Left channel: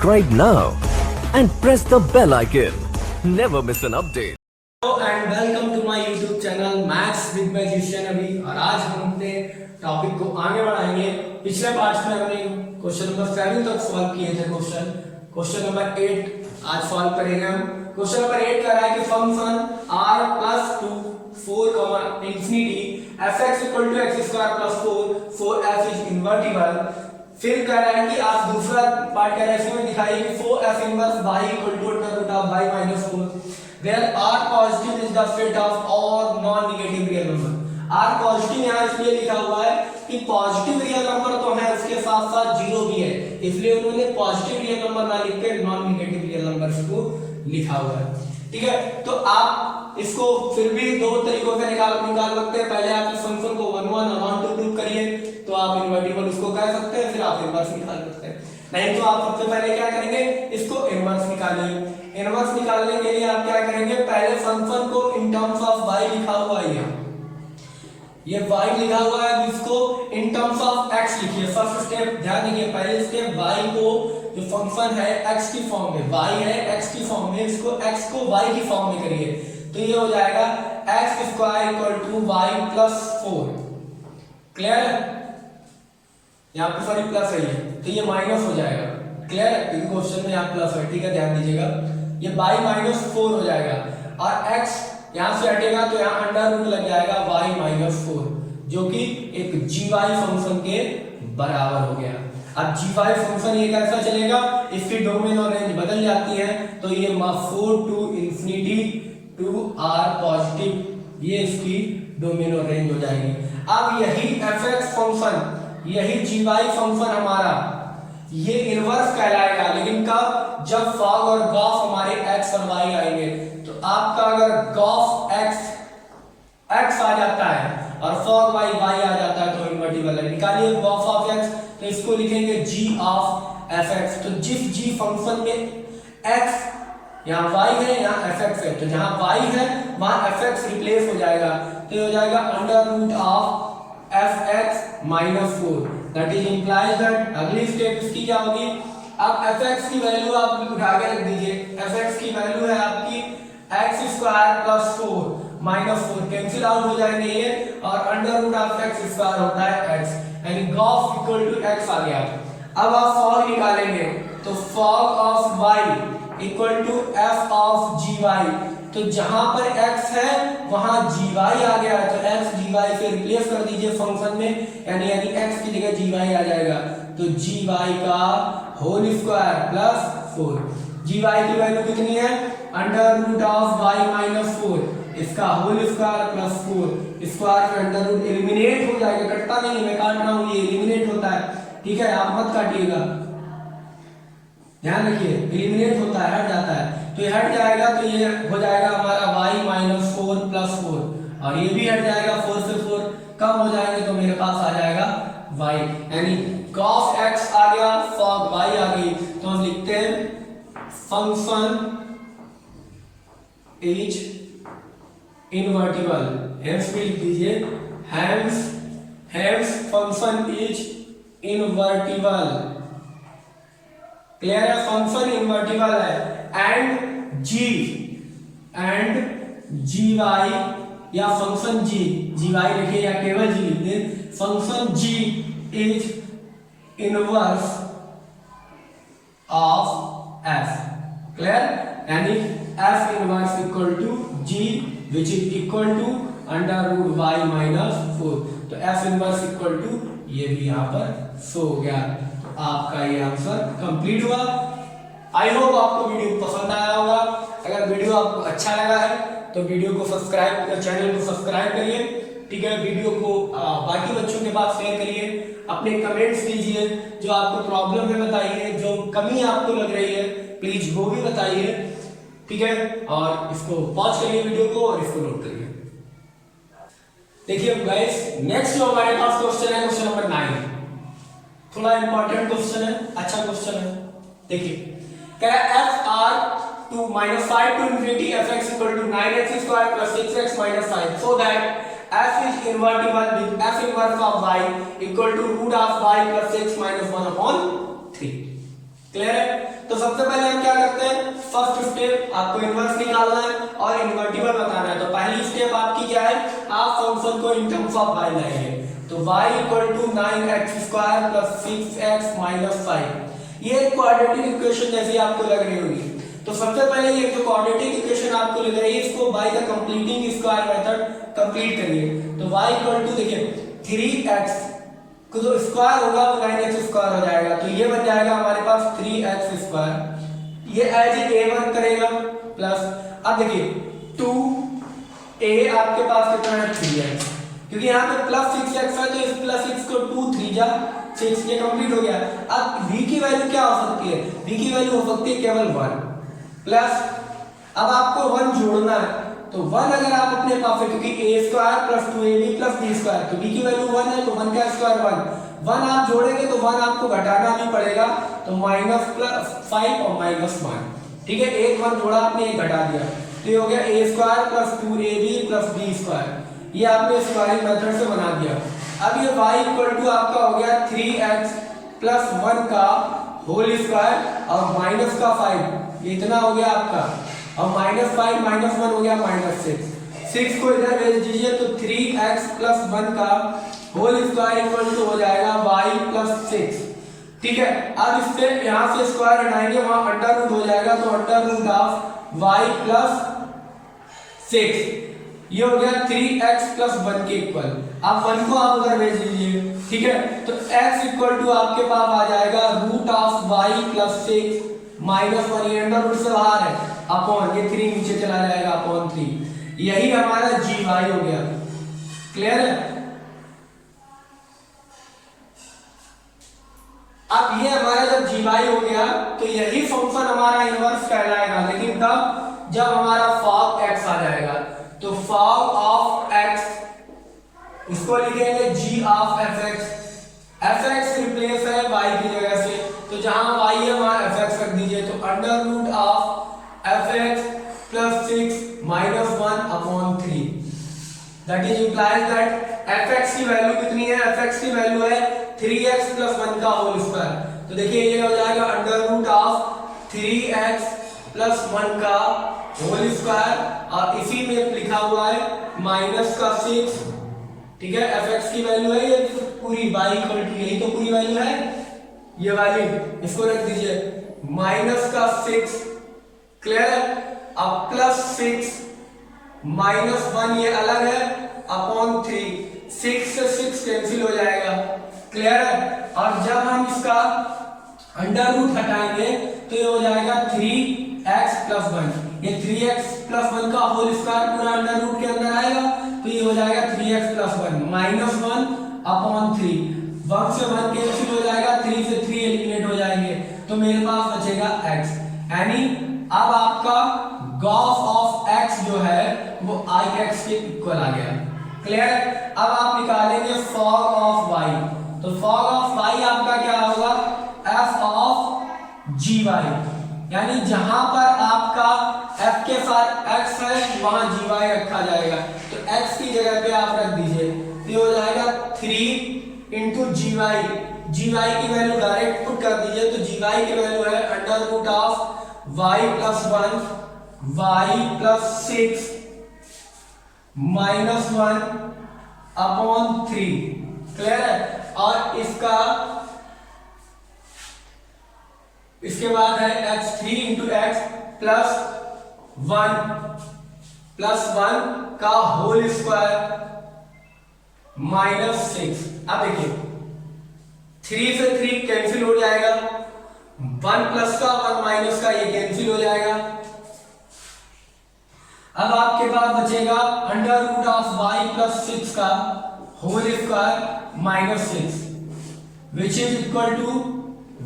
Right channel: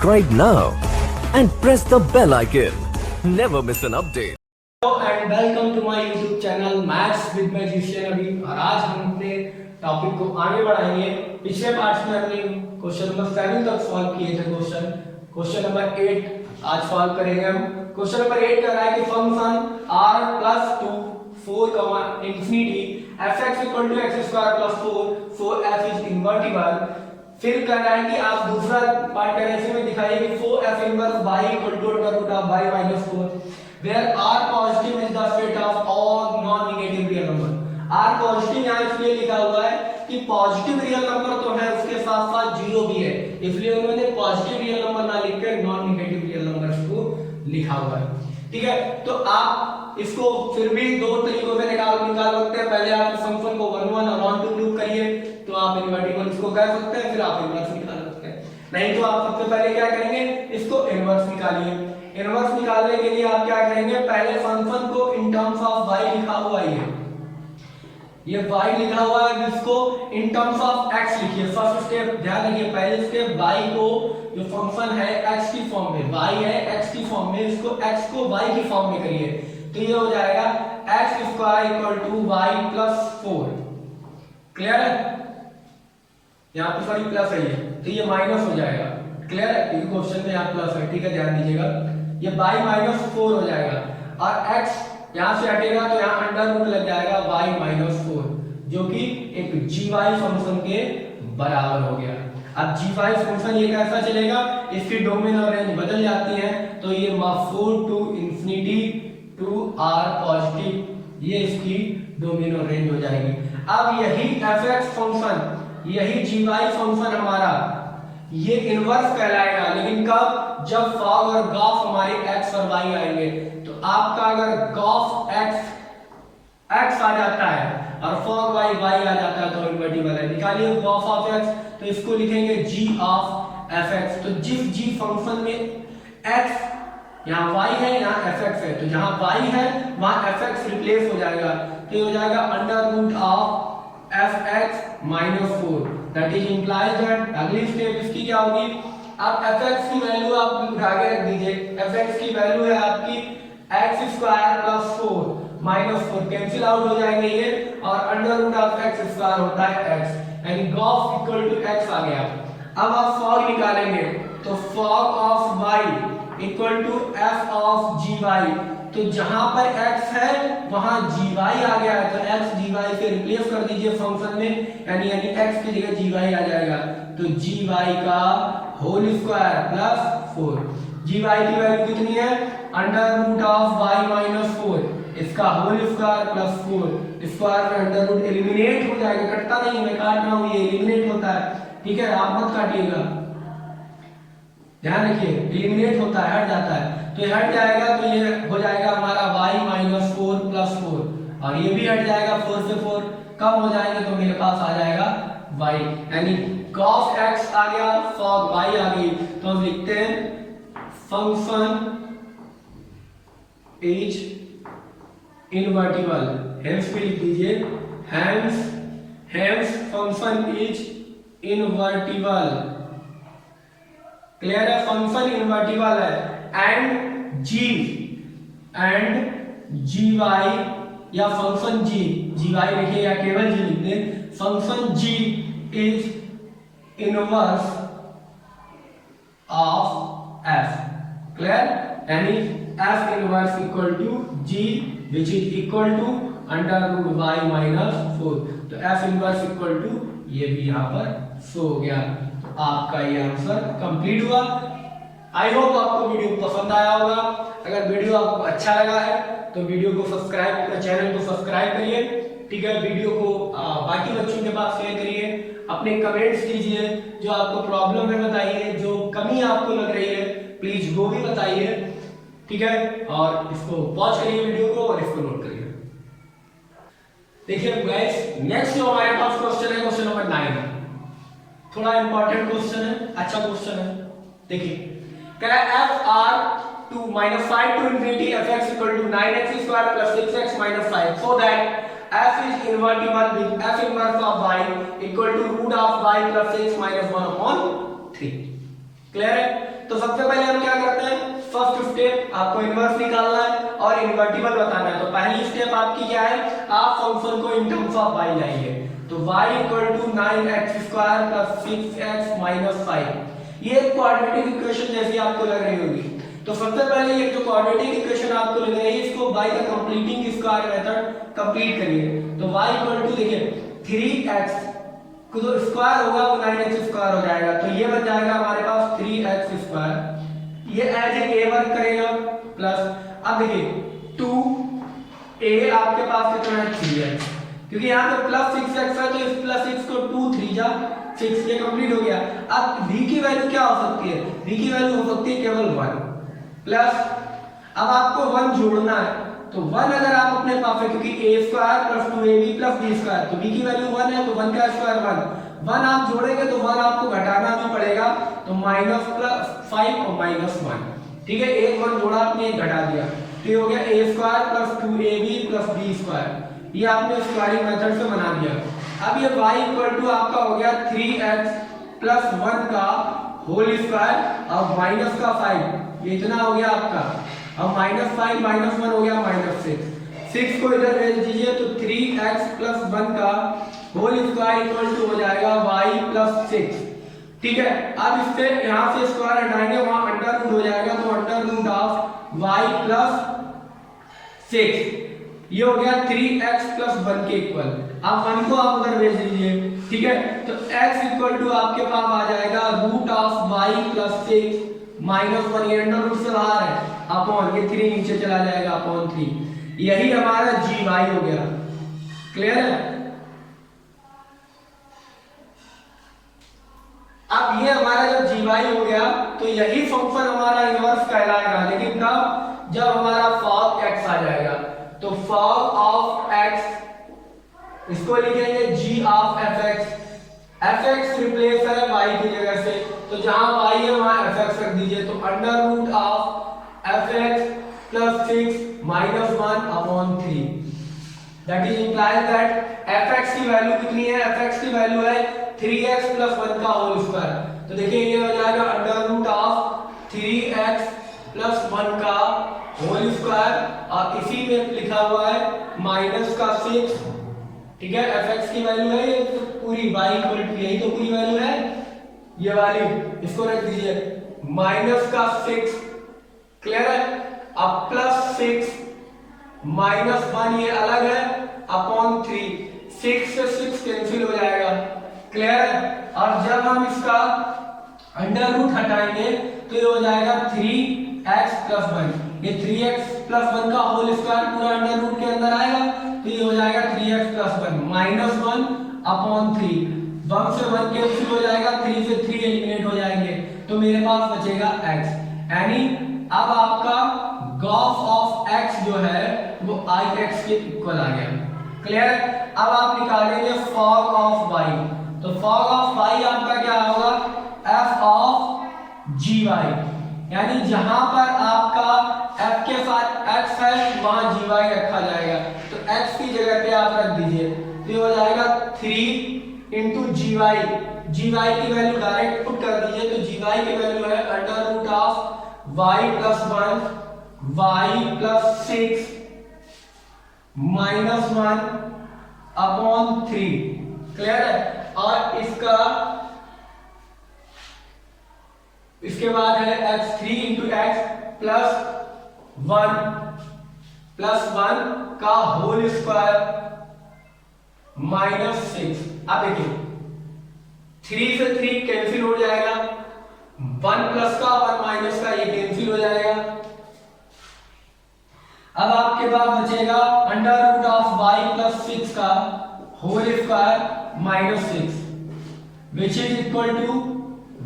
subscribe now and press the bell icon. Never miss an update. And welcome to my YouTube channel maths with magician अभी। और आज हम अपने topic को आगे बढ़ाएंगे। पिछले पार्ट में हमने क्वेश्चन नंबर 7 तक सॉल्व किए थे। क्वेश्चन नंबर 8 आज सॉल्व करेंगे हम। क्वेश्चन नंबर 8 कह रहा है कि function r plus 2 4 infinity fx equal to x square plus 4 4 f is invertible. फिर कह रहा है कि आप दूसरा पार्ट कह रहे हैं इसमें दिखाइए कि 4f inverse y equal to under root of y minus 4 where r positive is the set of all non negative real number। r positive यहाँ इसलिए लिखा हुआ है कि पॉजिटिव रियल नंबर तो है, उसके साथ साथ जीरो भी है, इसलिए उन्होंने पॉजिटिव रियल नंबर ना लिख कर नॉन नेगेटिव रियल नंबर्स को लिखा हुआ है। ठीक है, तो आप इसको फिर भी दो तरीकों से निकाल सकते हैं। पहले आप इस फंक्शन को 1 1 और 1 2 प्रूव करिए तो आप इनवर्टिबल उसको कह सकते हैं, फिर आप इनवर्स निकाल सकते हैं। नहीं तो आप सबसे पहले क्या करेंगे, इसको इनवर्स निकालिए। इनवर्स निकालने के लिए आप क्या करेंगे, पहले फंक्शन को इन टर्म्स ऑफ y लिखा हुआ है, ये y लिखा हुआ है, इसको इन टर्म्स ऑफ x लिखिए। फर्स्ट स्टेप ध्यान रखिए, पहले स्टेप y को जो फंक्शन है x की फॉर्म में, y है x की फॉर्म में, इसको x को y की फॉर्म में करिए तो ये हो जाएगा x square equal to y plus 4। Clear है, यहाँ पे सॉरी प्लस है तो ये माइनस हो जाएगा। क्लियर है, क्योंकि क्वेश्चन में यहाँ प्लस है। ठीक है, ध्यान दीजिएगा, ये y माइनस 4 हो जाएगा और x यहाँ से हटेगा तो यहाँ अंडर रूट लग जाएगा y माइनस 4 जो कि एक gy फंक्शन के बराबर हो गया। अब gy फंक्शन ये कैसा चलेगा, इसकी डोमेन और रेंज बदल जाती है तो ये 4 to infinity to r positive, ये इसकी डोमेन और रेंज हो जाएगी। अब यही fx फंक्शन, यही gy फंक्शन हमारा ये इनवर्स कहलाएगा, लेकिन कब, जब फॉग और गॉफ हमारे x और y आएंगे। तो आपका अगर गॉफ x आ जाता है और फॉग y आ जाता है तो इनवर्टिबल है। निकालिए गॉफ ऑफ x, तो इसको लिखेंगे g ऑफ fx। तो जिस g फंक्शन में x, यहाँ y है यहाँ fx है, तो जहां y है वहां fx रिप्लेस हो जाएगा तो ये हो जाएगा under root of fx minus 4। That is implies that अगली स्टेप इसकी क्या होगी, अब fx की वैल्यू आप उठा के रख दीजिए। fx की वैल्यू है आपकी x square plus 4 minus 4, cancel out हो जाएंगे ये, और under root of x square होता है x, यानी गॉफ इक्वल टू x आ गया। अब आप फॉग निकालेंगे तो fog of y equal to f of gy, तो जहां पर x है वहां gy आ गया है तो x gy से रिप्लेस कर दीजिए फंक्शन में, यानी x की जगह gy आ जाएगा तो gy का होल स्क्वायर प्लस 4। gy की वैल्यू कितनी है, under root of y minus 4, इसका होल स्क्वायर प्लस 4। स्क्वायर में अंडर रूट एलिमिनेट हो जाएगा, कटता नहीं है, मैं काट रहा हूं, ये एलिमिनेट होता है। ठीक है, आप मत काटिएगा, ध्यान रखिए, एलिमिनेट होता है, हट जाता है, तो ये हट जाएगा तो ये हो जाएगा हमारा y माइनस 4 प्लस 4, और ये भी हट जाएगा, 4 से 4 कम हो जाएंगे तो मेरे पास आ जाएगा y, यानी cos x आ गया, fog y आ गई। तो हम लिखते हैं फंक्शन इज इनवर्टिबल, हेंस भी लिख दीजिए, hence function is invertible. Clear है, फंक्शन इनवर्टिबल है एंड gy या फंक्शन gy लिखिए या केवल g लिख दें, function g is inverse of f। Clear, यानी f inverse equal to g which is equal to under root y minus 4, तो f इनवर्स इक्वल टू ये भी यहां पर शो हो गया। आपका ये आंसर कंप्लीट हुआ। आई होप आपको वीडियो पसंद आया होगा। अगर वीडियो आपको अच्छा लगा है तो वीडियो को सब्सक्राइब, चैनल को सब्सक्राइब करिए। ठीक है, वीडियो को बाकी बच्चों के पास शेयर करिए, अपने कमेंट्स दीजिए, जो आपको प्रॉब्लम है बताइए, जो कमी आपको लग रही है प्लीज वो भी बताइए। ठीक है, और इसको पॉज करिए वीडियो को और इसको नोट करिए। देखिए गाइस, नेक्स्ट जो हमारे पास क्वेश्चन है क्वेश्चन नंबर 9, थोड़ा इंपॉर्टेंट क्वेश्चन है, अच्छा क्वेश्चन है। देखिए, कह रहा है f r to minus 5 to infinity fx equal to 9x square plus 6x minus 5, so that f is invertible with f inverse of y equal to root of y plus 6 minus 1 upon 3। Clear है, तो सबसे पहले हम क्या करते हैं, first step आपको inverse निकालना है और इनवर्टिबल बताना है। तो पहली स्टेप आपकी क्या है, आप फंक्शन को इन टर्म्स ऑफ y लाएंगे। तो y equal to 9x square plus 6x minus 5, ये एक क्वाड्रेटिक इक्वेशन जैसी आपको लग रही होगी। तो सबसे पहले ये जो क्वाड्रेटिक इक्वेशन आपको लग रही है, इसको y का कंप्लीटिंग स्क्वायर मेथड कंप्लीट करिए। तो y इक्वल टू देखिए 3x को जो स्क्वायर होगा वो 9x स्क्वायर हो जाएगा, तो ये बन जाएगा हमारे पास 3x स्क्वायर, ये एज ए वर्क करेगा प्लस, अब देखिए 2a आपके पास कितना है 3x, क्योंकि यहाँ पे प्लस 6x है तो इस प्लस 6 को 2 3 जा 6, ये कंप्लीट हो गया। अब v की वैल्यू क्या हो सकती है, v की वैल्यू हो सकती है केवल 1 प्लस, अब आपको 1 जोड़ना है, तो 1 अगर आप अपने पास है, क्योंकि a square plus 2ab plus b square, तो b की वैल्यू 1 है तो 1 का स्क्वायर 1 आप जोड़ेंगे तो 1 आपको घटाना भी पड़ेगा, तो माइनस प्लस 5 और माइनस 1, ठीक है, एक 1 जोड़ा आपने एक घटा दिया, तो ये हो गया a square plus 2ab plus b square, ये आपने स्क्वायरिंग मेथड से बना दिया। अब ये y इक्वल टू आपका हो गया 3x प्लस 1 का होल स्क्वायर और माइनस का 5, ये इतना हो गया आपका, अब माइनस 5 माइनस 1 हो गया माइनस 6 को इधर भेज दीजिए, तो 3x प्लस 1 का होल स्क्वायर इक्वल टू हो जाएगा y प्लस 6, ठीक है। अब इससे यहाँ से स्क्वायर हटाएंगे, वहां अंडर रूट हो जाएगा, तो under root of y plus 6, ये हो गया 3x प्लस 1 के इक्वल। अब 1 को आप उधर भेज दीजिए, ठीक है, तो x इक्वल टू आपके पास आ जाएगा root of y plus 6 minus 1, ये अंडर रूट से बाहर है, अपॉन ये 3 नीचे चला जाएगा अपॉन 3, यही हमारा gy हो गया। क्लियर है? अब ये हमारा जब gy हो गया तो यही फंक्शन हमारा इनवर्स कहलाएगा, लेकिन कब, जब हमारा फॉग x आ जाएगा। तो फॉग ऑफ x, इसको लिखेंगे g of fx, fx replace है y की जगह से, तो जहां y है वहां fx रख दीजिए, तो under root of fx plus 6 minus 1 upon 3, that is implies that fx की वैल्यू कितनी है, fx की वैल्यू है 3x प्लस 1 का होल स्क्वायर, तो देखिए ये हो जाएगा under root of 3x plus 1 का होल स्क्वायर, और इसी में लिखा हुआ है माइनस का 6, ठीक है, fx की वैल्यू है ये पूरी y इक्वल टू, यही तो पूरी वैल्यू है, ये वाली इसको रख दीजिए माइनस का 6, क्लियर है, अब प्लस 6 माइनस 1 ये अलग है अपॉन 3, 6 से 6 कैंसिल हो जाएगा, क्लियर है। और जब हम इसका अंडर रूट हटाएंगे तो ये हो जाएगा 3x प्लस 1, ये 3x प्लस 1 का होल स्क्वायर पूरा अंडर रूट के अंदर आएगा, तो ये हो जाएगा 3x प्लस 1 माइनस 1 अपॉन 3, 1 से 1 कैंसिल हो जाएगा, 3 से 3 एलिमिनेट हो जाएंगे, तो मेरे पास बचेगा x, यानी अब आपका गॉस ऑफ x जो है वो ix के इक्वल आ गया, क्लियर है। अब आप निकालेंगे फॉग ऑफ y, तो फॉग ऑफ y आपका क्या होगा, f ऑफ gy, यानी जहां पर आपका f के साथ x है वहां gy रखा जाएगा, तो x की जगह पे आप रख दीजिए, तो ये हो जाएगा 3 इंटू gy, gy की वैल्यू डायरेक्ट पुट कर दीजिए, तो gy की वैल्यू है under root of y plus 1 y plus 6 minus 1 upon 3, clear है। और इसके बाद है x 3 इंटू एक्स प्लस 1 का होल स्क्वायर माइनस 6, अब देखिए 3 से 3 कैंसिल हो जाएगा, 1 प्लस का 1 माइनस का ये कैंसिल हो जाएगा, अब आपके पास बचेगा under root of y plus 6 का whole square minus 6, which is equal to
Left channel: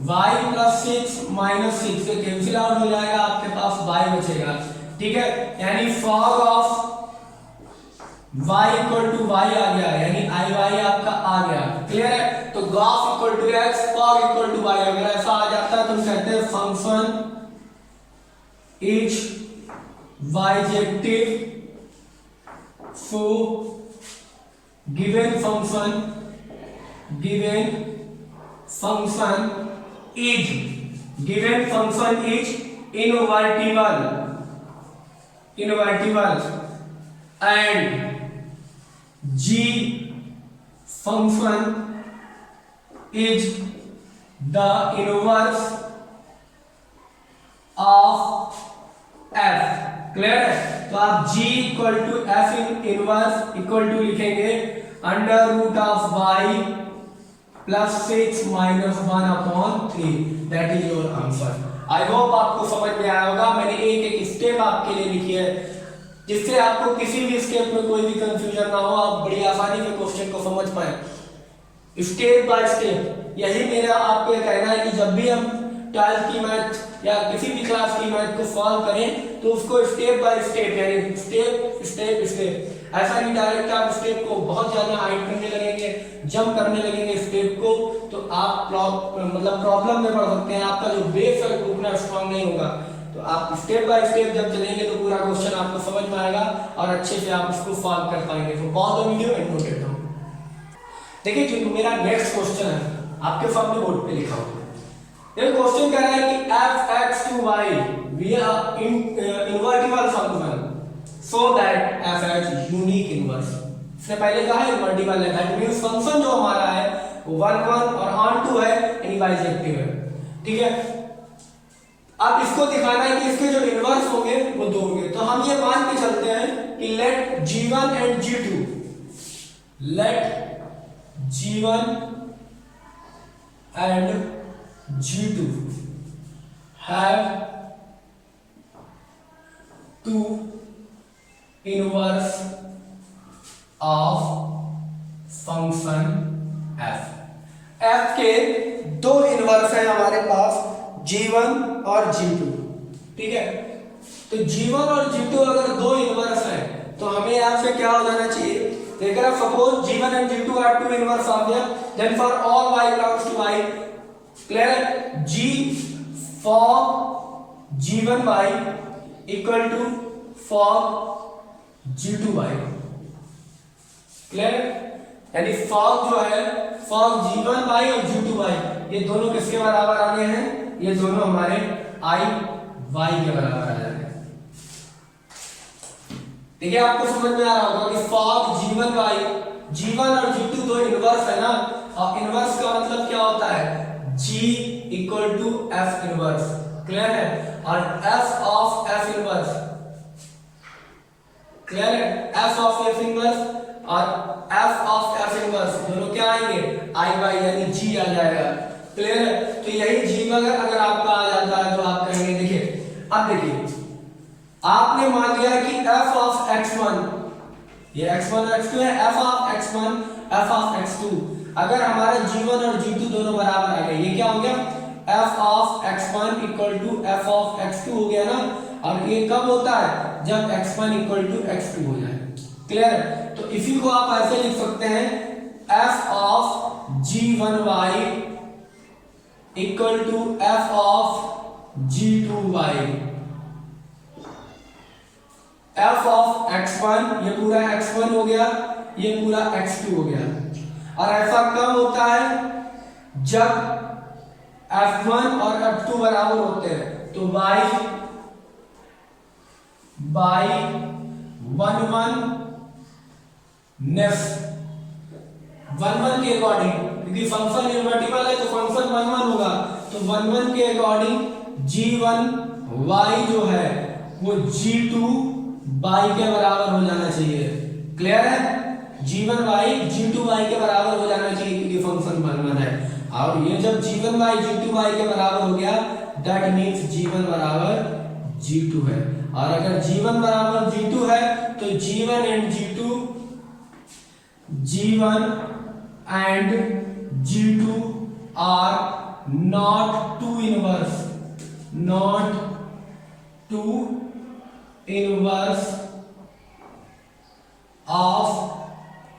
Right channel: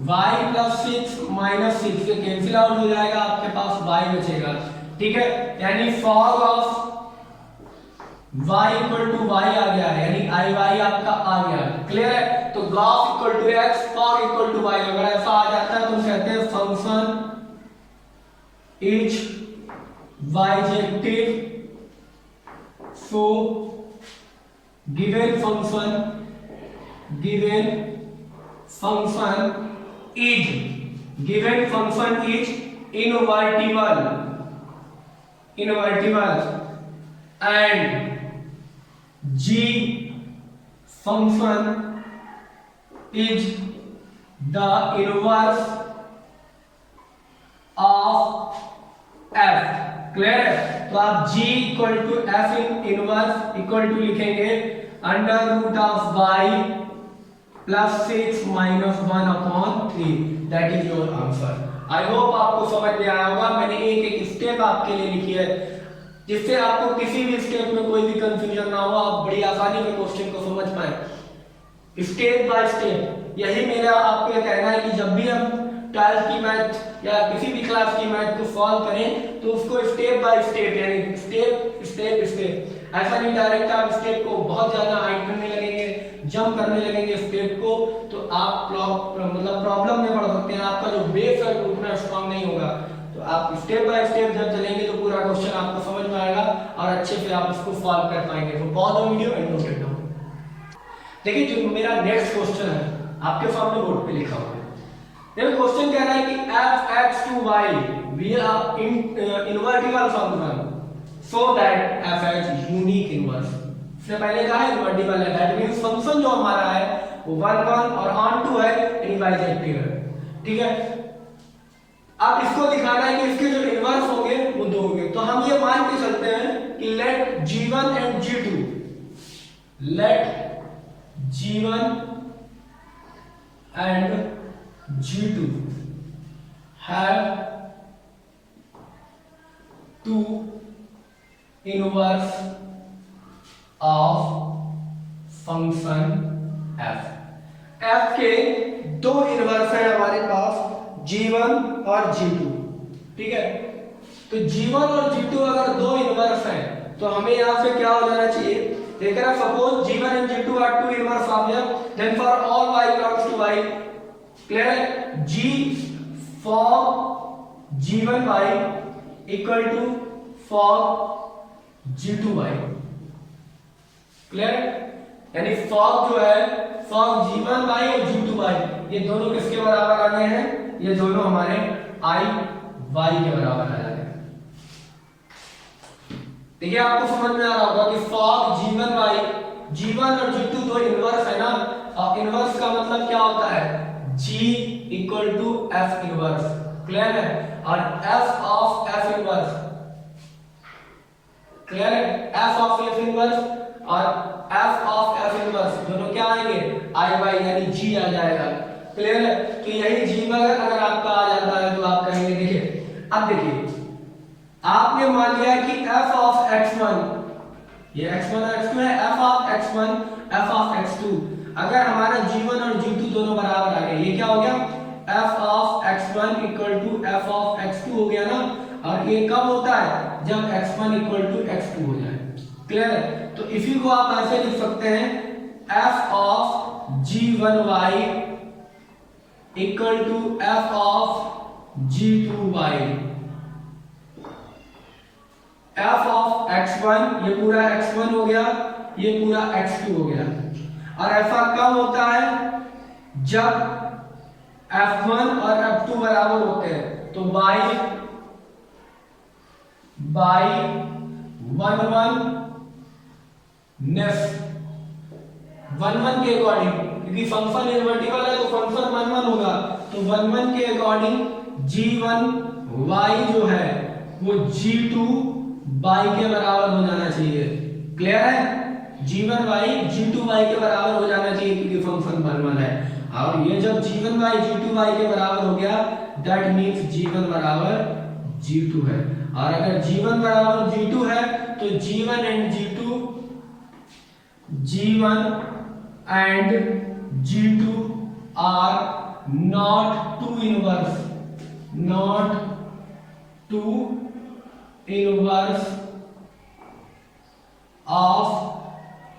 y plus 6 minus 6 से कैंसिल आउट हो जाएगा, आपके पास y बचेगा, ठीक है, यानी fog of y equal to y आ गया, यानी i y आपका आ गया, क्लियर है। तो gof equal to x, fog equal to y, अगर ऐसा आ जाता है तो कहते हैं function is bijective for given function is given function is invertible and g function is the inverse of f। Clear है? तो आप g equal to f in inverse equal to लिखेंगे under root of y plus 6 minus 1/3। That is your answer. I hope आपको समझ में आया होगा। मैंने एक एक स्टेप आपके लिए लिखी है जिससे आपको किसी भी स्टेप में कोई भी कंफ्यूजन ना हो, आप बड़ी आसानी से क्वेश्चन को समझ पाए स्टेप बाय स्टेप। यही मेरा आपको कहना है कि जब भी हम 12th की मैथ या किसी भी क्लास की मैथ को सॉल्व करें तो उसको स्टेप बाय स्टेप यानी स्टेप ऐसा नहीं डायरेक्ट आप स्टेप को बहुत ज्यादा हाइड करने लगेंगे, जंप करने लगेंगे स्टेप को, तो आप प्रॉब्लम में पड़ सकते हैं। आपका जो बेस है उतना स्ट्रांग नहीं होगा। तो आप स्टेप बाय स्टेप जब चलेंगे तो पूरा क्वेश्चन आपको समझ में आएगा और अच्छे से आप उसको सॉल्व कर पाएंगे। तो pause the video and note it down. देखिए जो मेरा नेक्स्ट क्वेश्चन है आपके सामने बोर्ड पे लिखा हुआ है। देखो क्वेश्चन कह रहा है कि f(x to y) be a invertible function so that f(x) unique inverse. इससे पहले कहा है इनवर्टिबल है, दैट मींस फंक्शन जो हमारा है वो 1 1 और ऑन टू है यानी बाइजेक्टिव है। ठीक है, अब इसको दिखाना है कि इसके जो इनवर्स होंगे वो दो होंगे। तो हम ये मान के चलते हैं कि let g1 and g2 and G2 have two inverse of function f। f के दो इनवर्स हैं हमारे पास G1 और G2। ठीक है, तो G1 और G2 अगर दो इनवर्स हैं तो हमें यहाँ से क्या हो जाना चाहिए? देखिए suppose G1 and G2 are two inverse of them, then for all y belongs to y, clear? G for G1y equal to for G2y, clear? यानी फॉग जो है फॉग G1y और G2y ये दोनों किसके बराबर आ गए हैं? ये दोनों हमारे I y के बराबर आ जाएंगे। देखिए आपको समझ में आ रहा होगा कि फॉग G1 और G2 दो इनवर्स है ना, और इनवर्स का मतलब क्या होता है? G equal to F inverse. Clear है? और F of F inverse, clear है? F ऑफ F इनवर्स और F ऑफ F इनवर्स दोनों क्या आएंगे? I y यानी G आ जाएगा। क्लियर है? तो यही G अगर आपका आ जाता है तो आप कहेंगे, देखिए अब देखिए आपने मान लिया कि f ऑफ x1, ये x1 और x2 है, f of x1 f of x2, अगर हमारा g1 और g2 दोनों बराबर आ गए, ये क्या हो गया? f of x1 equal to f of x2 हो गया ना। और ये कब होता है? जब x1 इक्वल टू x2 हो जाए। क्लियर है? तो इसी को आप ऐसे लिख सकते हैं f of g1y equal to f of g2y। f of x1 ये पूरा x1 हो गया, ये पूरा x2 हो गया। और ऐसा कब होता है? जब f1 और f2 बराबर होते हैं। तो by 1 1 नेक्स्ट 1 1 के अकॉर्डिंग, क्योंकि फंक्शन इनवर्टिबल है तो फंक्शन 1 1 होगा, तो 1 1 के अकॉर्डिंग g1y जो है वो g2 y के बराबर हो जाना चाहिए। क्लियर है? g1y g2y के बराबर हो जाना चाहिए क्योंकि फंक्शन 1 1 है। और ये जब g1y g2y के बराबर हो गया दैट मींस g1 बराबर g2 है। और अगर g1 बराबर g2 है तो g1 and g2 are not two inverse of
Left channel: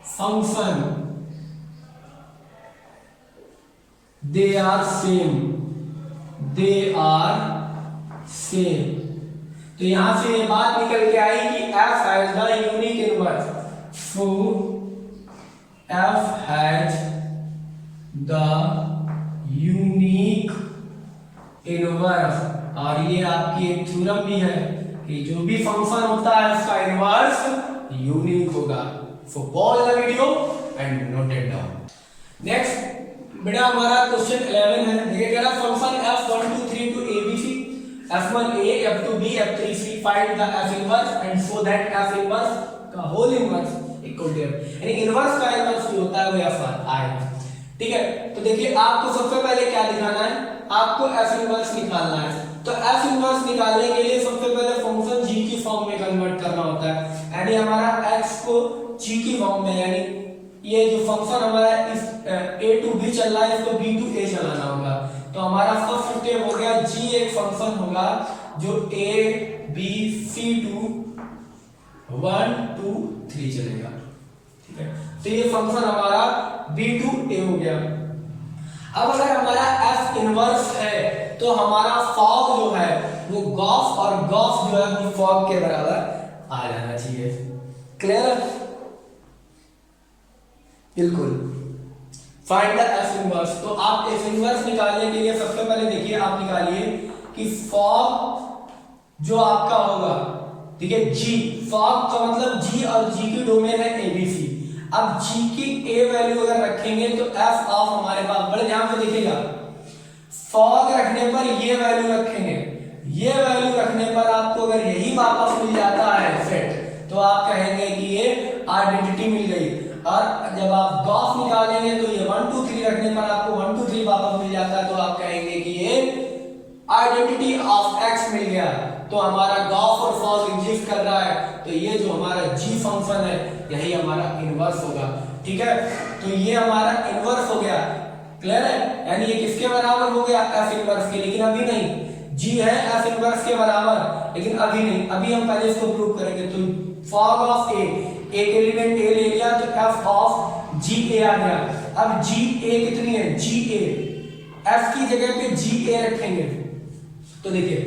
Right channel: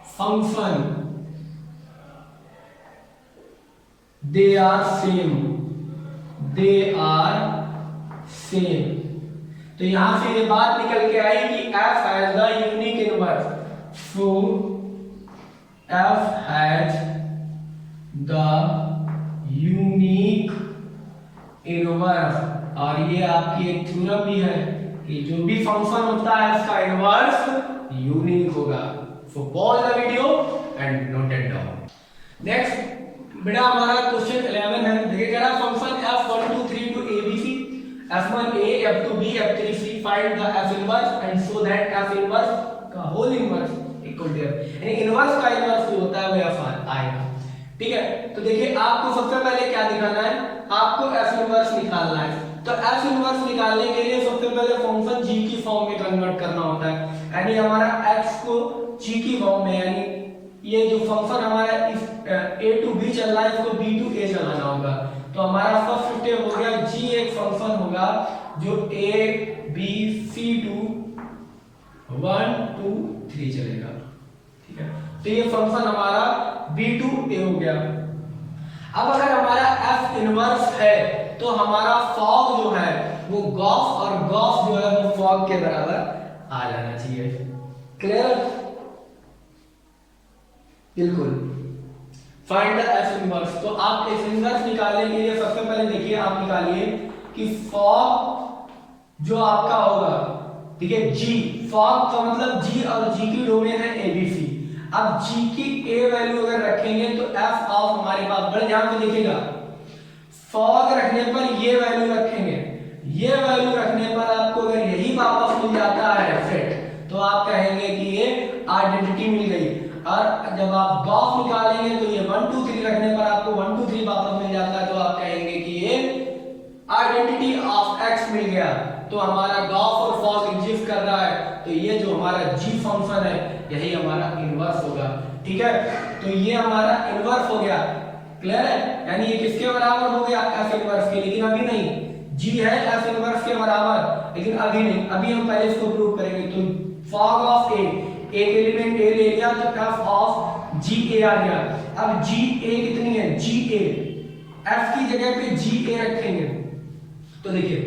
function, they are same। तो यहां से ये बात निकल के आई कि f has the unique inverse, so f has the unique inverse. और ये आपकी एक थ्योरम भी है कि जो भी फंक्शन होता है उसका इनवर्स यूनिक होगा। सो pause the video and note it down. Next बेटा हमारा क्वेश्चन 11 है। देखिए कह रहा है function f1 2 3 to abc f1a f2b f3c find the f inverse and show that f inverse का होल इनवर्स इक्वल टू यानी इनवर्स का इनवर्स जो होता है वो f आएगा। ठीक है, तो देखिए आपको सबसे पहले क्या दिखाना है, आपको f इनवर्स निकालना है। तो f इनवर्स निकालने के लिए सबसे पहले फंक्शन g की फॉर्म में कन्वर्ट करना होता है, यानी हमारा x को g की फॉर्म में, यानी ये जो फंक्शन हमारा इस a to b चल रहा है इसको b to a चलाना होगा। तो हमारा फर्स्ट स्टेप हो गया, g एक फंक्शन होगा जो a b c to 1 2 3 चलेगा। ठीक है, तो ये फंक्शन हमारा b to a हो गया। अब अगर हमारा f इनवर्स है तो हमारा फॉग जो है वो गॉस, और गॉस जो है वो फॉग के बराबर आ जाना चाहिए। क्लियर? बिल्कुल। Find the f inverse. तो आप f इनवर्स निकालने के लिए सबसे पहले देखिए आप निकालिए कि फॉग जो आपका होगा, ठीक है, g, फॉग का मतलब g और g की डोमेन है abc। अब g की a वैल्यू अगर रखेंगे तो f ऑफ हमारे पास, बड़े ध्यान से देखिएगा, फॉग रखने पर ये वैल्यू रखेंगे, ये वैल्यू रखने पर आपको अगर यही वापस मिल जाता है सेट, तो आप कहेंगे कि ये आइडेंटिटी मिल गई। और जब आप गॉस निकालेंगे तो ये 1 2 3 रखने पर आपको 1 2 3 वापस मिल जाता है, तो आप कहेंगे कि ये आइडेंटिटी ऑफ x मिल गया। तो हमारा गॉस और फॉग एग्जिस्ट कर रहा है, तो ये जो हमारा g फंक्शन है यही हमारा इनवर्स होगा। ठीक है, तो ये हमारा इनवर्स हो गया। क्लियर है? यानी ये किसके बराबर हो गया, f इनवर्स के। लेकिन अभी नहीं, g है f इनवर्स के बराबर, लेकिन अभी नहीं, अभी हम पहले इसको प्रूव करेंगे। तो फॉग ऑफ a, एक एलिमेंट a ले लिया तो f ऑफ ga आ गया। अब ga कितनी है, ga, f की जगह पे ga रखेंगे, तो देखिए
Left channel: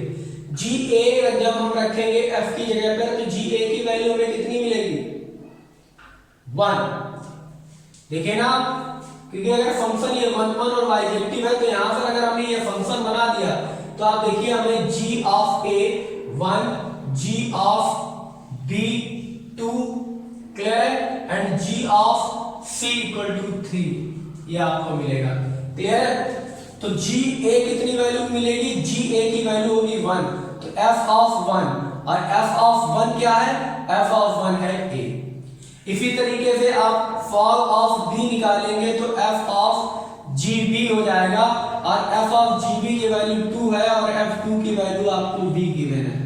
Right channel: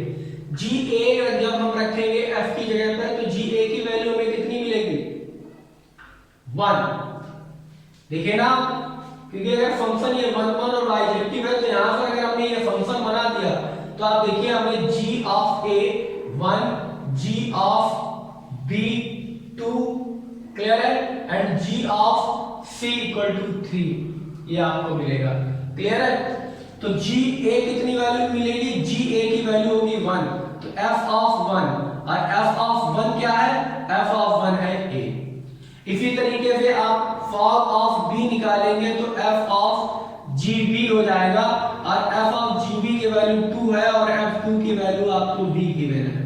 ga जब हम रखेंगे f की जगह पर तो ga की वैल्यू हमें कितनी मिलेगी, 1। देखिए ना, क्योंकि अगर फंक्शन ये 1 1 और बाइजेक्टिव है तो यहां पर अगर हमने ये फंक्शन बना दिया तो आप देखिए हमें g of a 1, g of b 2, clear है, and g of c equal to 3 ये आपको मिलेगा। क्लियर है? तो g a कितनी वैल्यू मिलेगी, g a की वैल्यू होगी 1, तो f ऑफ 1, और f ऑफ 1 क्या है, f ऑफ 1 है a। इसी तरीके से आप फॉग ऑफ b निकालेंगे तो f ऑफ gb हो जाएगा, और f ऑफ gb की वैल्यू 2 है और f2 की वैल्यू आपको b गिवन है।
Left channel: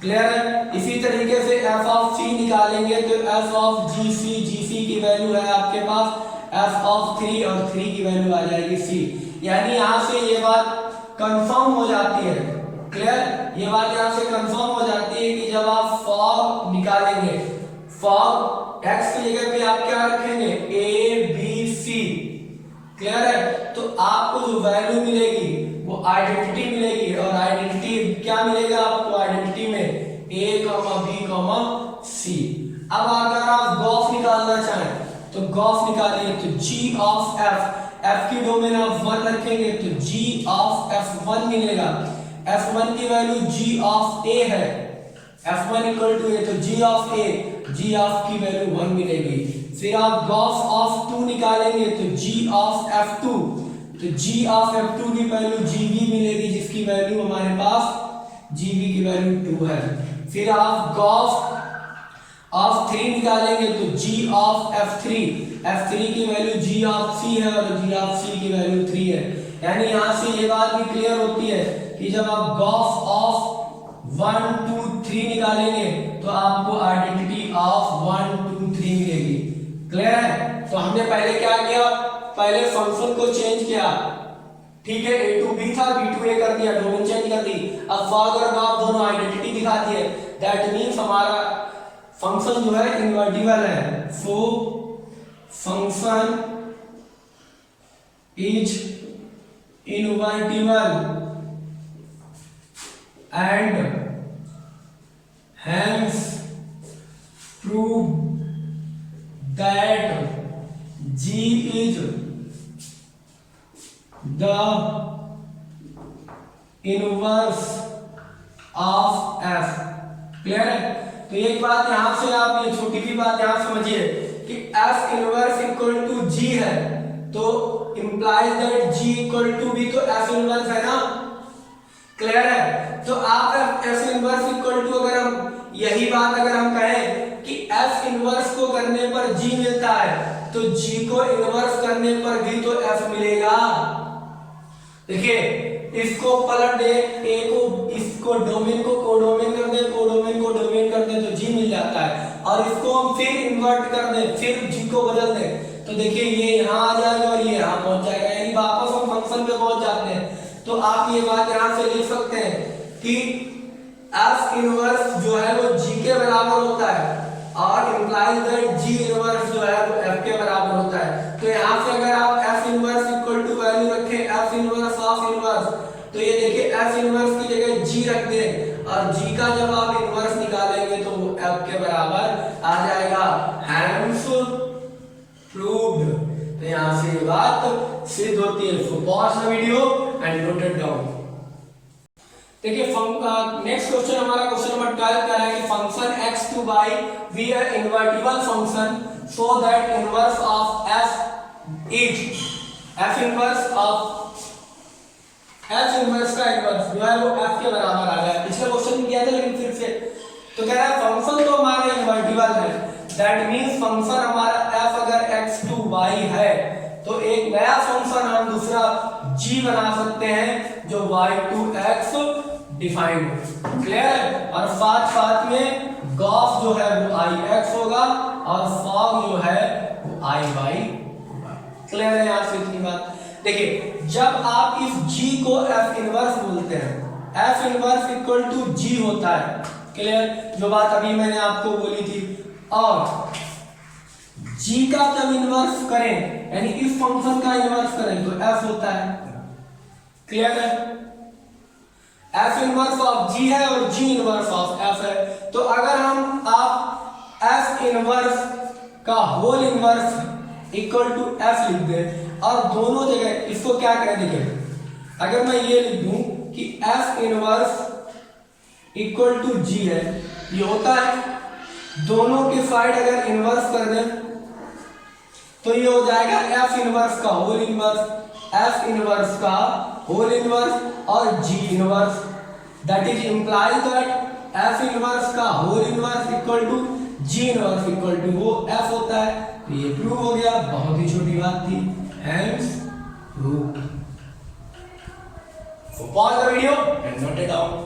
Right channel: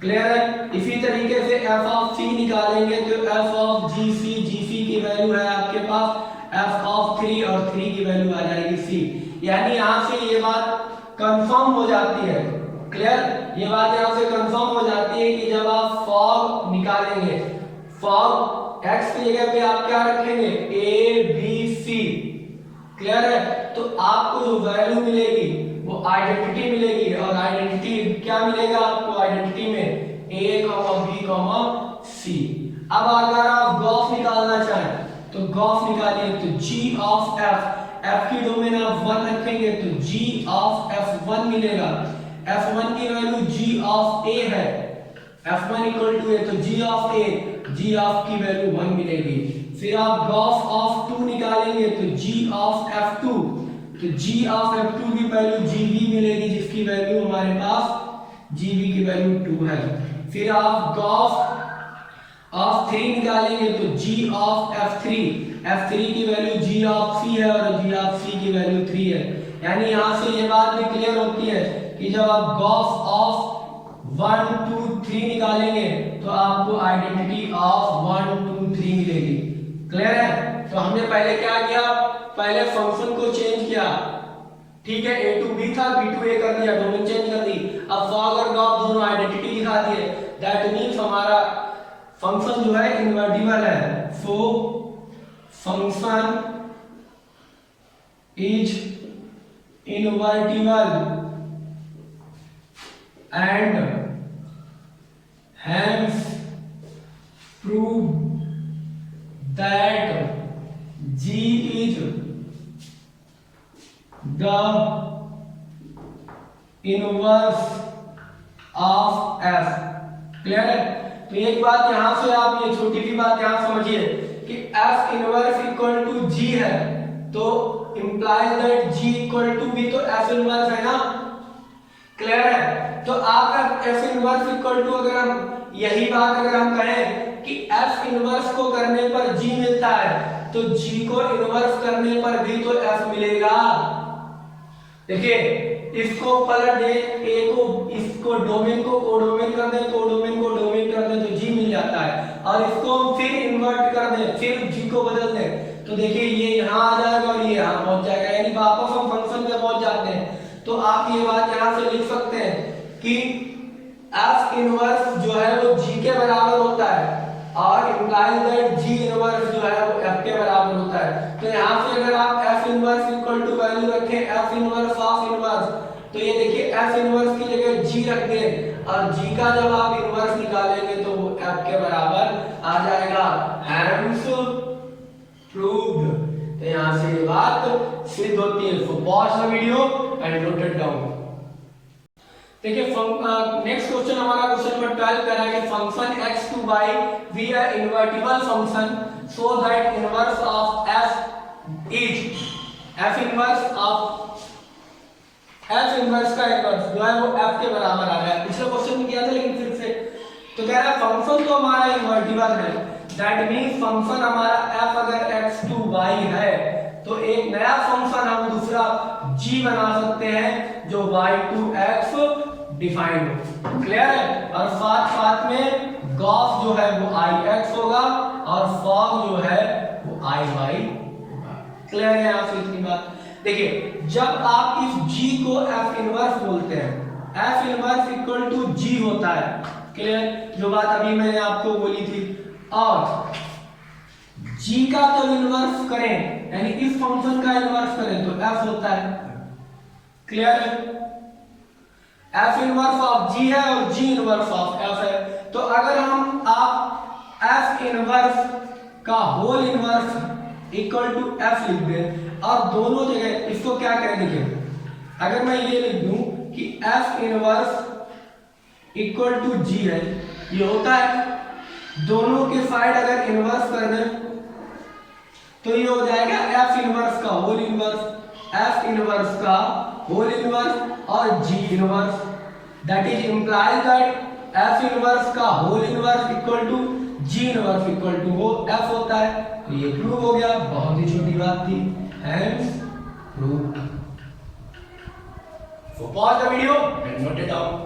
क्लियर है? इसी तरीके से f ऑफ c निकालेंगे तो f ऑफ gc की वैल्यू है आपके पास f ऑफ 3 और 3 की वैल्यू आ जाएगी c। यानी यहां से ये बात कंफर्म हो जाती है। क्लियर? ये बात यहां से कंफर्म हो जाती है कि जब आप फॉग निकालेंगे, फॉग x की जगह पे आप क्या रखेंगे, a b c। क्लियर है? तो आपको जो वैल्यू मिलेगी वो आइडेंटिटी मिलेगी, और आइडेंटिटी क्या मिलेगा आपको, आइडेंटिटी में a b c। अब अगर आप गॉस निकालना चाहें तो गॉस निकालिए, तो g ऑफ f की डोमेन आप 1 रखेंगे तो g ऑफ f1 मिलेगा। f1 की वैल्यू g ऑफ a है, f1 इक्वल टू a, तो g of a, g of की वैल्यू 1 मिलेगी। फिर आप गॉस ऑफ 2 निकालेंगे तो g ऑफ f2, तो g ऑफ f2 की वैल्यू gb मिलेगी, जिसकी वैल्यू हमारे पास gb की वैल्यू 2 है। फिर आप गॉस ऑफ 3 निकालेंगे तो g ऑफ f3 की वैल्यू g ऑफ c है और g ऑफ c की वैल्यू 3 है। यानी यहां से ये बात भी क्लियर होती है कि जब आप गॉस ऑफ 1 2 3 निकालेंगे तो आपको आइडेंटिटी ऑफ 1 2 3 मिलेगी। क्लियर है? तो हमने पहले क्या किया, पहले फंक्शन को चेंज किया। ठीक है, a टू b था, b टू a कर दिया, डोमेन चेंज कर दी। अब फॉग और गॉस दोनों आइडेंटिटी दिखा दिए, दैट मींस हमारा फंक्शन जो है इनवर्टिबल है। So function is invertible and hence prove that G is the inverse of F. Clear है? तो एक बात यहां से आप ये छोटी सी बात यहां समझिए कि f inverse equal to g है, तो implies that g equal to b, तो एफ इनवर्स है ना। क्लियर है? तो आप एफ इनवर्स इक्वल टू, अगर हम यही बात अगर हम कहें कि एफ इनवर्स को करने पर जी मिलता है, तो जी को इनवर्स करने पर भी तो एफ मिलेगा। देखिए इसको पलट दे, ए को इसको डोमेन को कोडोमेन कर दे, कोडोमेन को डोमेन कर दे, तो जी मिल जाता है। और इसको हम फिर इन्वर्ट कर दे, फिर जी को बदल दे, तो देखिए ये यहाँ आ जाएगा और ये यहाँ पहुंच जाएगा, यानी वापस हम फंक्शन पे पहुंच जाते हैं। तो आप ये बात यहाँ से लिख सकते हैं कि एफ इनवर्स जो है वो जी के बराबर होता है, और इंप्लाइज दैट जी इनवर्स जो है वो एफ के बराबर होता है। तो यहाँ से अगर आप f inverse equal to value रखें एफ इनवर्स ऑफ इनवर्स, तो ये देखिए एफ इनवर्स की जगह जी रख दें, और जी का जब आप इनवर्स निकालेंगे तो वो एफ के बराबर आ जाएगा। Hence proved. तो यहाँ से ये बात सिद्ध होती है। So pause the video and note it down. देखिए नेक्स्ट क्वेश्चन हमारा क्वेश्चन नंबर 12 कह रहा है कि function x2 by v a invertible function so that inverse of f is f inverse of f inverse का इनवर्स जो है वो f के बराबर आ रहा है। पिछले क्वेश्चन में किया था लेकिन फिर से तो कह रहा है फंक्शन तो हमारा इनवर्टिबल है, दैट मींस फंक्शन हमारा f अगर x2 y है तो एक नया फंक्शन हम दूसरा g बना सकते हैं जो y2x डिफाइंड है। क्लियर है? और साथ में गॉस जो है वो ix होगा और फॉग जो है वो iy होगा। क्लियर है? आपसे इतनी बात। देखिए जब आप इस g को f इनवर्स बोलते हैं, f inverse equal to g होता है। क्लियर? जो बात अभी मैंने आपको बोली थी। और g का जब इनवर्स करें यानी इस फंक्शन का इनवर्स करें तो f होता है। क्लियर है? f इनवर्स ऑफ g है और g इनवर्स ऑफ f है। तो अगर हम आप f इनवर्स का whole inverse equal to f लिख दें और दोनों जगह इसको क्या करें, देखिए अगर मैं ये लिख दूं कि f inverse equal to g है, ये होता है, दोनों के साइड अगर इनवर्स कर दें तो ये हो जाएगा f इनवर्स का होल इनवर्स, f इनवर्स का होल इनवर्स और g inverse, that is implies that f inverse का whole inverse equal to g inverse equal to वो f होता है। तो ये प्रूव हो गया, बहुत ही छोटी बात थी। Hence proved. So pause the video and note it down.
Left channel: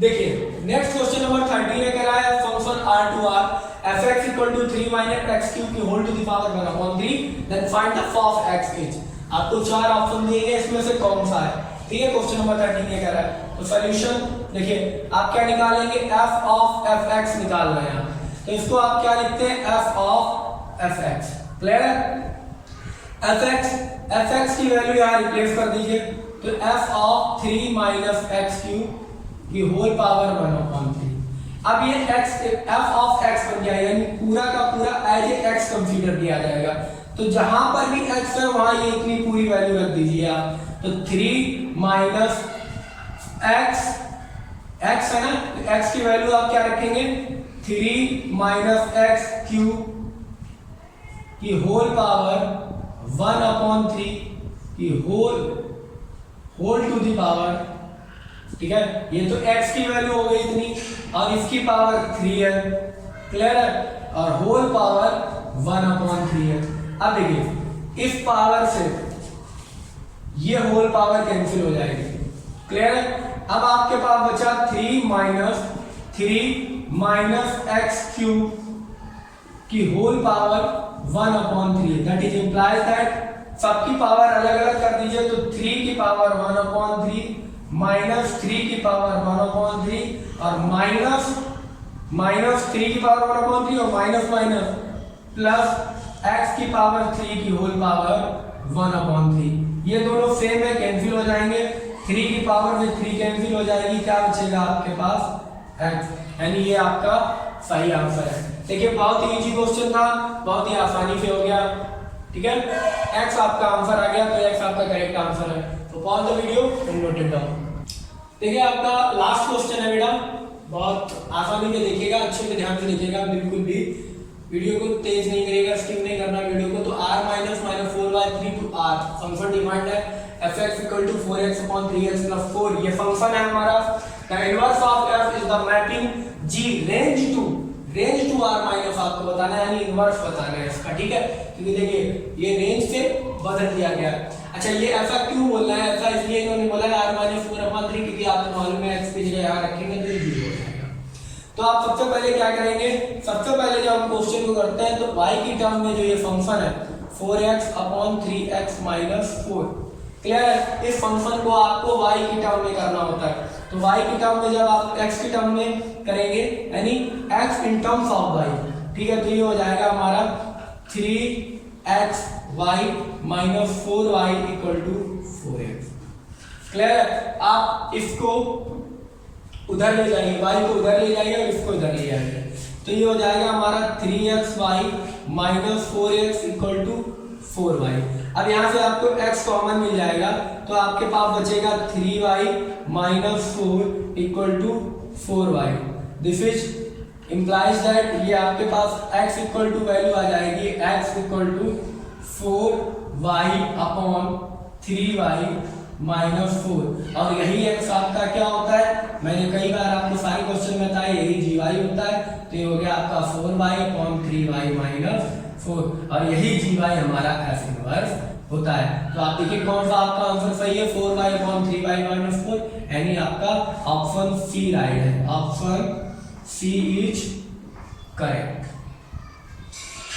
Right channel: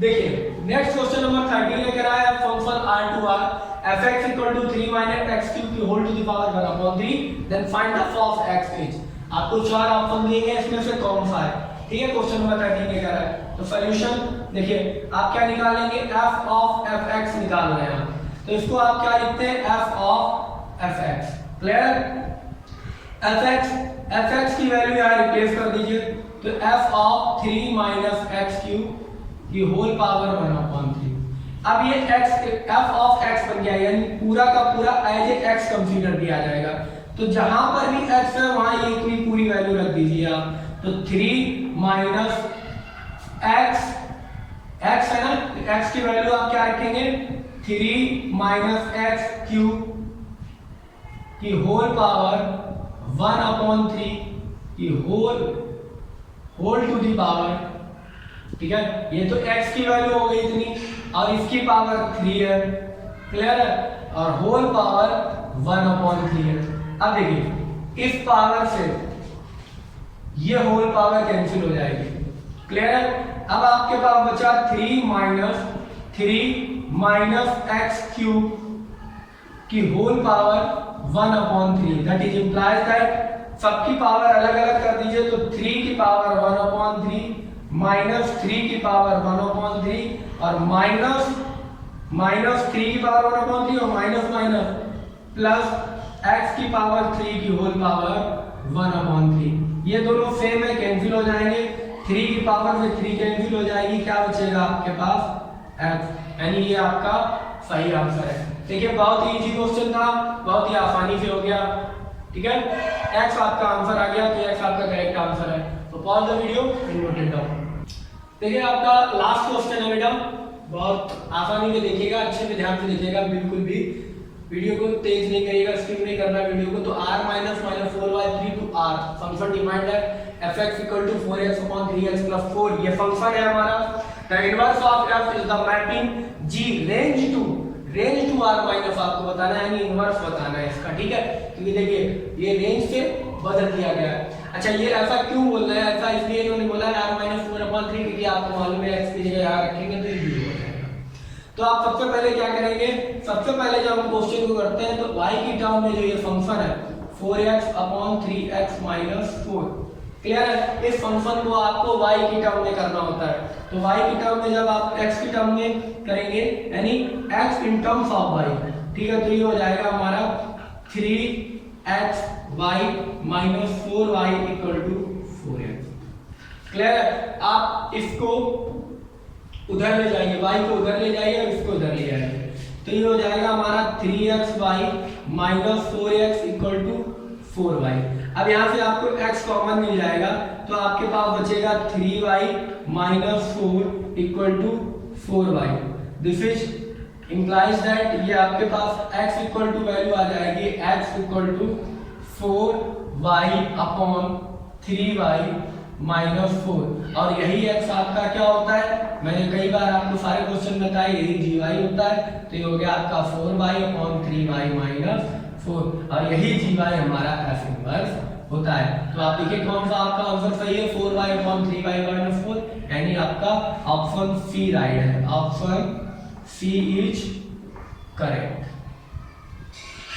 देखिए नेक्स्ट क्वेश्चन नंबर 13 ये कह रहा है function r2r fx equal to 3 minus x cube की whole to the power 1/3 then find the f of x is. आपको चार option दिए गए, इसमें से कौन सा है? ठीक है, क्वेश्चन नंबर 13 ये कह रहा है। तो सॉल्यूशन देखिए आप क्या निकालेंगे, f ऑफ fx निकालना है। तो इसको आप क्या लिखते हैं, f of fx। Clear? fx की वैल्यू यहां रिप्लेस कर दीजिए, तो f of 3 minus x cube की होल पावर 1/3। अब ये f ऑफ x बन जाएगा, यानी पूरा का पूरा एज ए x कंसीडर किया जाएगा। तो जहां पर भी x है वहां ये इतनी पूरी वैल्यू रख दीजिए आप। तो 3 माइनस x है ना, x की वैल्यू आप क्या रखेंगे, 3 माइनस x क्यूब की होल पावर 1/3 की होल टू दी पावर। ठीक है, ये तो x की वैल्यू हो गई इतनी और इसकी पावर 3 है। क्लियर है? और होल पावर 1/3 है। अब देखिए इस पावर से ये होल पावर कैंसिल हो जाएगी। क्लियर है? अब आपके पास बचा 3 माइनस x क्यूब की whole power 1/3, that is implies that सबकी पावर अलग अलग कर दीजिए। तो 3 की पावर 1/3 माइनस 3 की पावर 1/3 और माइनस 3 की पावर 1/3 और माइनस प्लस x की पावर 3 की होल पावर 1/3। ये दोनों सेम है, कैंसिल हो जाएंगे। 3 की पावर में 3 कैंसिल हो जाएगी, क्या बचेगा आपके पास x, यानी ये आपका सही आंसर है। देखिए बहुत ही इजी क्वेश्चन था, बहुत ही आसानी से हो गया। ठीक है, x आपका आंसर आ गया, तो x आपका करेक्ट आंसर है। तो pause the video and note it down. देखिए आपका लास्ट क्वेश्चन है बेटा, बहुत आसानी से देखिएगा, अच्छे से ध्यान से देखिएगा, बिल्कुल भी वीडियो को तेज नहीं करिएगा, स्किप नहीं करना वीडियो को। तो r minus 4/3 to r function defined है fx equal to 4x upon 3x plus 4, ये फंक्शन है हमारा। The inverse of f is the mapping g range to r minus आपको बताना है, यानी इनवर्स बताना है इसका, ठीक है। क्योंकि देखिए ये रेंज से बदल दिया गया है। अच्छा ये ऐसा क्यों बोल रहा है, ऐसा इसलिए इन्होंने बोला है r माइनस 4/3, क्योंकि आपको मालूम है x की जगह यहाँ रखेंगे तो ये 0 हो जाएगा। तो आप सबसे पहले क्या करेंगे, सबसे पहले जब हम क्वेश्चन को करते हैं तो y की टर्म में जो ये फंक्शन है 4x upon 3x minus 4, clear है। इस फंक्शन को आपको y की टर्म में करना होता है। तो y की टर्म में जब आप x की टर्म में करेंगे, यानी x in terms of y, ठीक है, तो ये हो जाएगा हमारा 3x y minus 4y equal to 4x, clear है। आप इसको उधर ले जाइए, y को उधर ले जाइए और इसको उधर ले जाइए, तो ये हो जाएगा हमारा 3xy minus 4x equal to 4y। अब यहाँ से आपको x कॉमन मिल जाएगा, तो आपके पास बचेगा 3y minus 4 equal to 4y। This is implies that ये आपके पास x इक्वल टू वैल्यू आ जाएगी x equal to 4y upon 3y minus 4, और यही x आपका क्या होता है, मैंने कई बार आपको सारे क्वेश्चन में बताया, यही gy होता है। तो ये हो गया आपका 4y अपॉन 3y माइनस 4, और यही gy हमारा f इनवर्स होता है। तो आप देखिए कौन सा आपका आंसर सही है, 4y अपॉन 3y माइनस 4, यानी आपका ऑप्शन सी राइट है, ऑप्शन सी इज करेक्ट,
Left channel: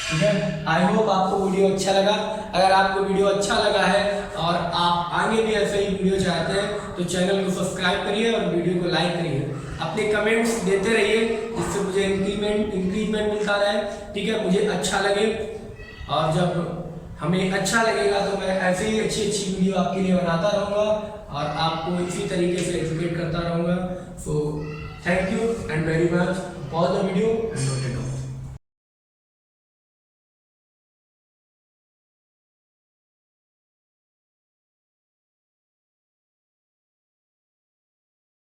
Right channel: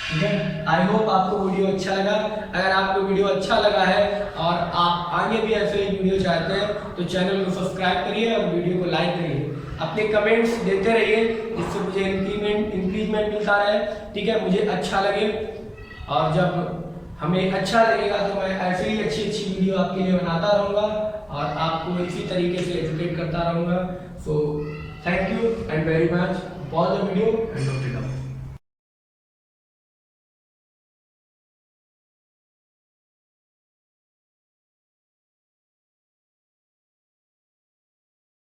ठीक है। आई होप आपको वीडियो अच्छा लगा। अगर आपको वीडियो अच्छा लगा है और आप आगे भी ऐसे ही वीडियो चाहते हैं तो चैनल को सब्सक्राइब करिए और वीडियो को लाइक करिए, अपने कमेंट्स देते रहिए, जिससे मुझे इंक्रीजमेंट मिलता रहे, ठीक है, मुझे अच्छा लगे। और जब हमें अच्छा लगेगा तो मैं ऐसे ही अच्छी वीडियो आपके लिए बनाता रहूँगा और आपको इसी तरीके से एजुकेट करता रहूँगा। So thank you and very much, pause the video and note it down.